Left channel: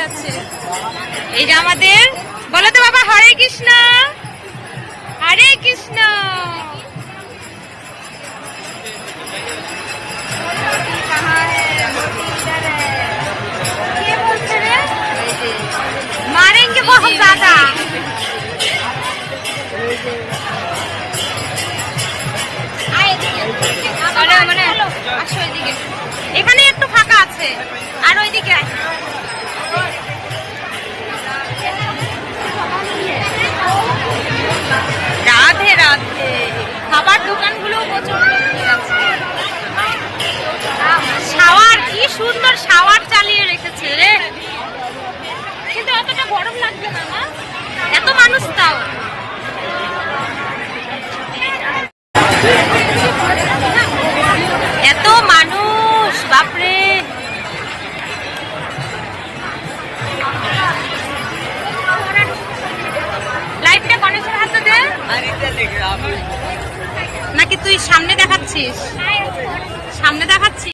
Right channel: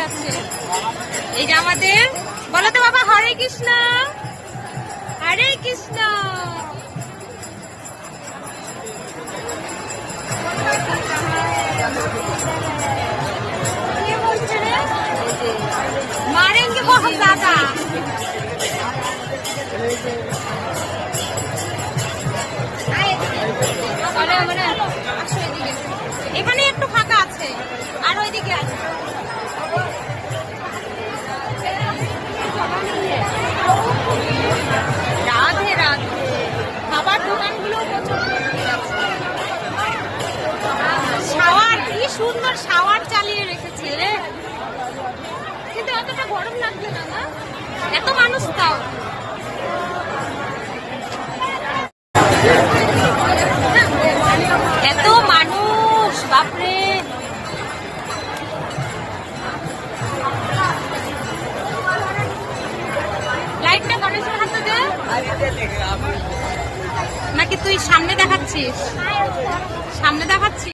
হচ্ছে এই যে আমাদের বলো তো বাবা হরে কৃষ্ণ হরে কৃষ্ণ কে বলছে রে? मारेंगे बहुत ज्यादा আরে মানে আসো এদিকে এখানে একটু ফাঁকা আছে আর ওইদিকে সুন্দর শাওয়ার চালিয়ে রেখেছে রে। কিন্তু অতটা গরম লাগবে না না এত মানুষ তাও। এত মানুষ, বাপরে। লাইটটা গণেশের হাতে দে। নাকি তুই সামনে দেখাচ্ছিস? সামনে দেখাচ্ছিস?